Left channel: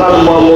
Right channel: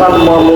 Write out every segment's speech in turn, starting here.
Estado maluco.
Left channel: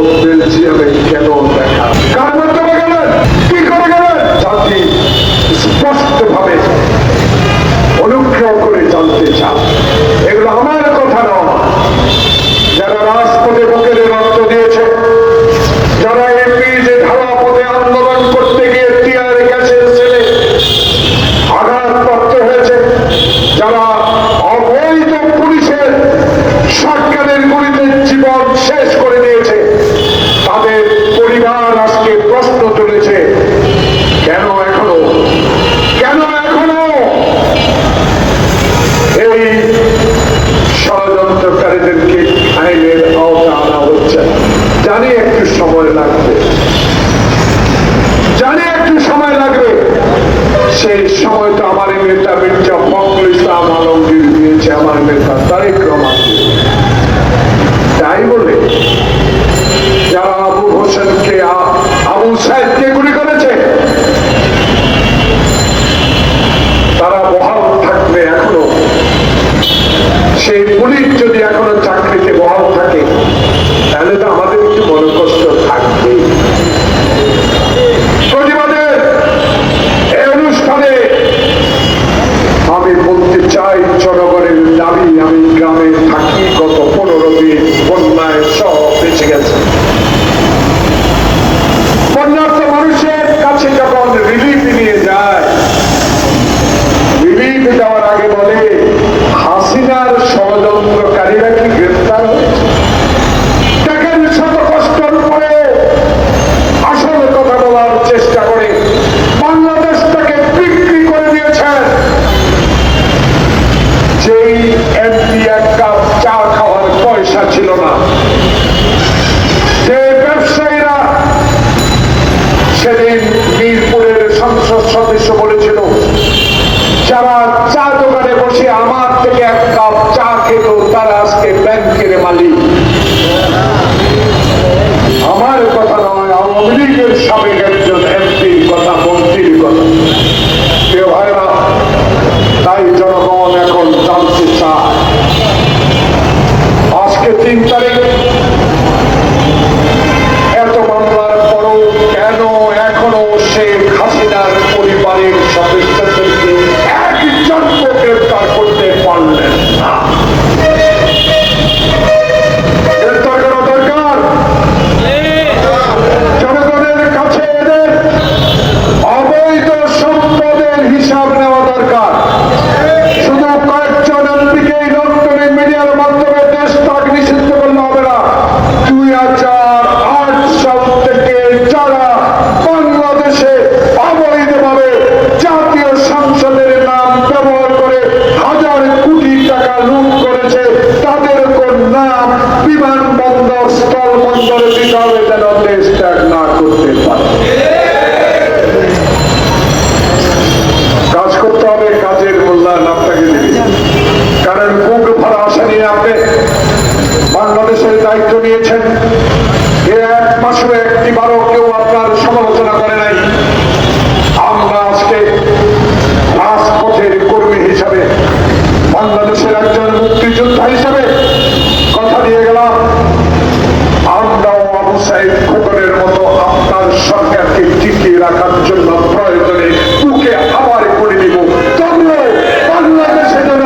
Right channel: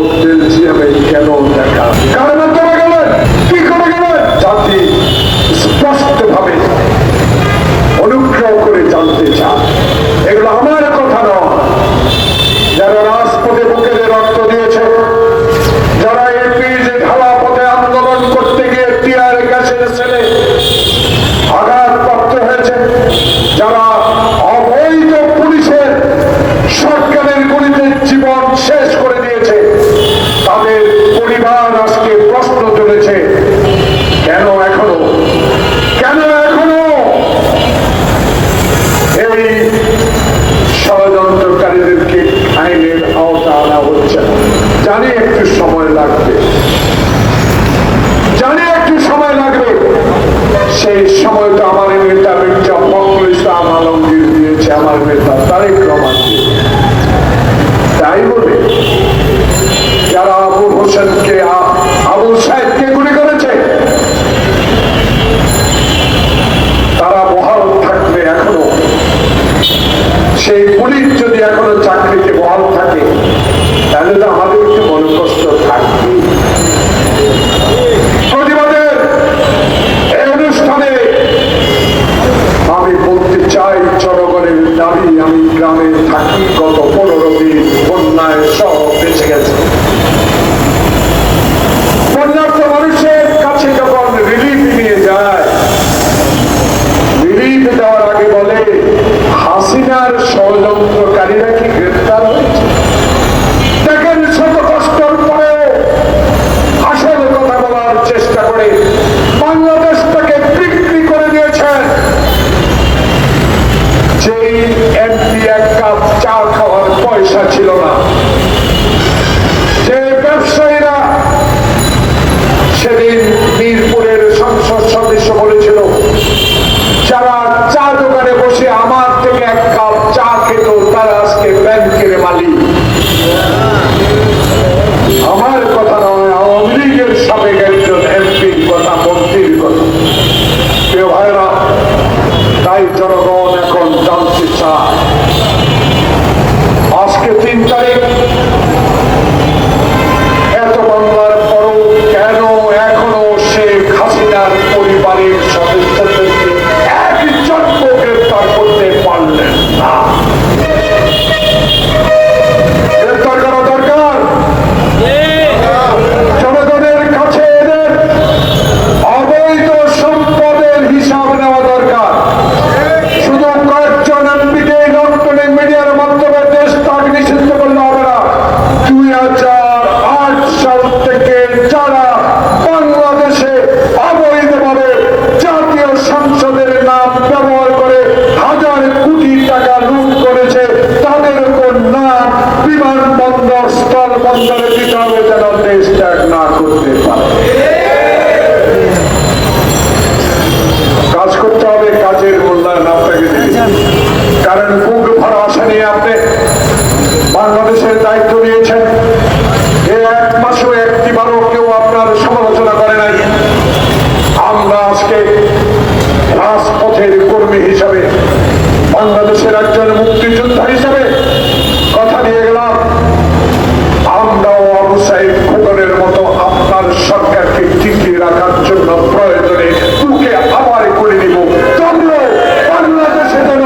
সরকারকে টিকিয়ে রাখার জন্য প্রয়োজনে তুকে আবার করে নিব তবুও বাংলাদেশে যেন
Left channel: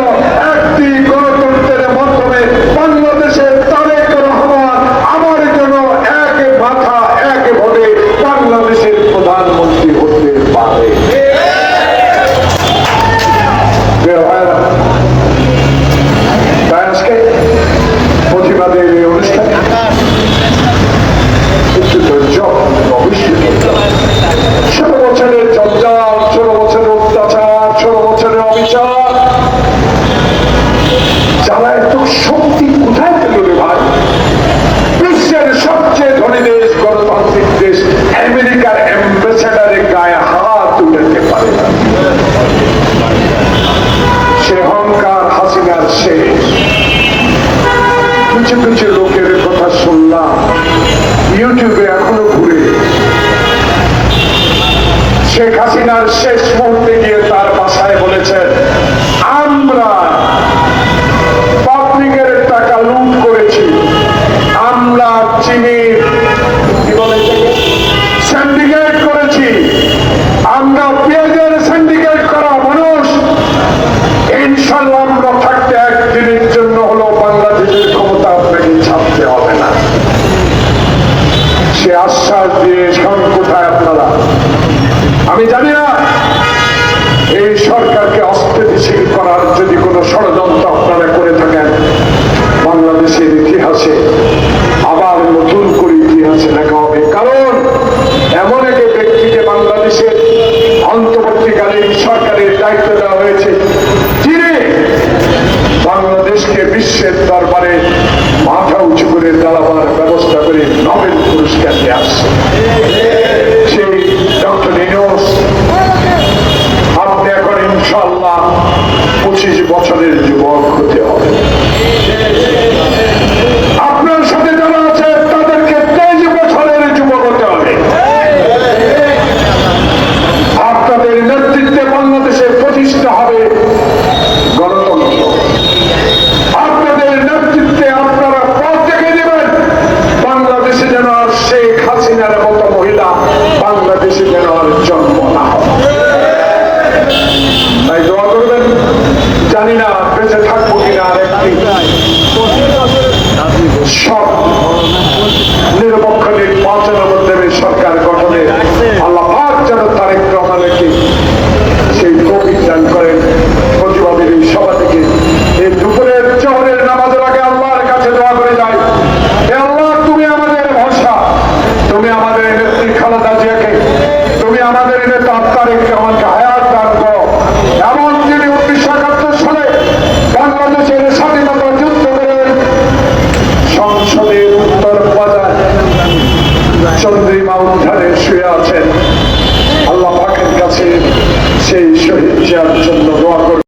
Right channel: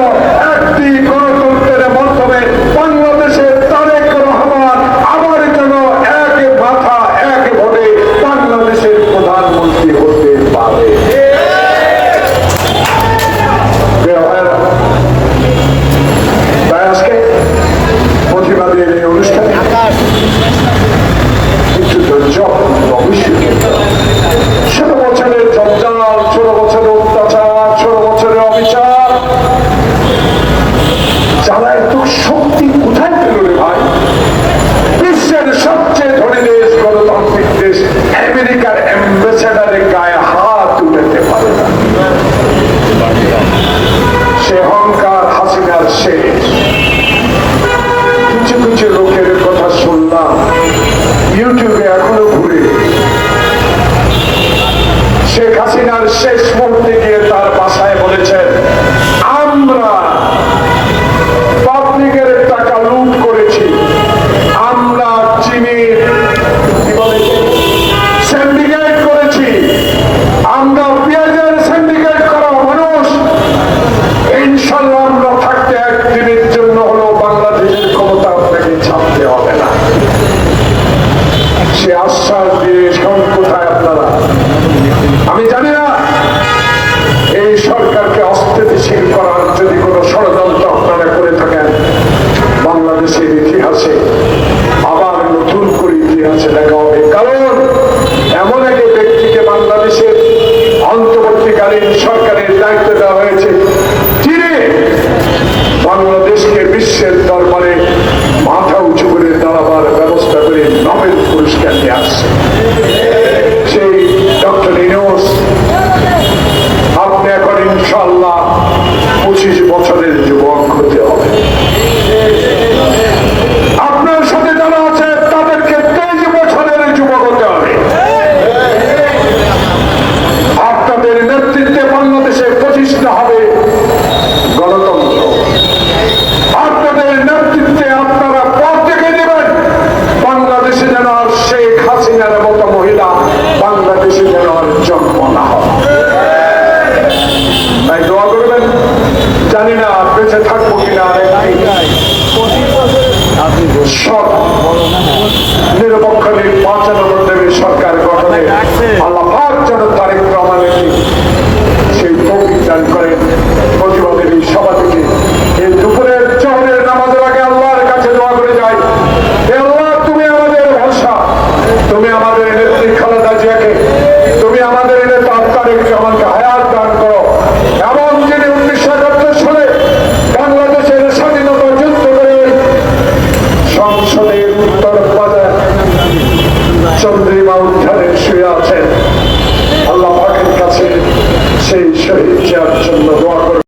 একটি গণতন্ত্রের মাধ্যমে বাংলাদেশের তারেক রহমান আবার যেন এক মাথা এক ভোটে বাংলাদেশের প্রধানমন্ত্রী হতে যেন তারেক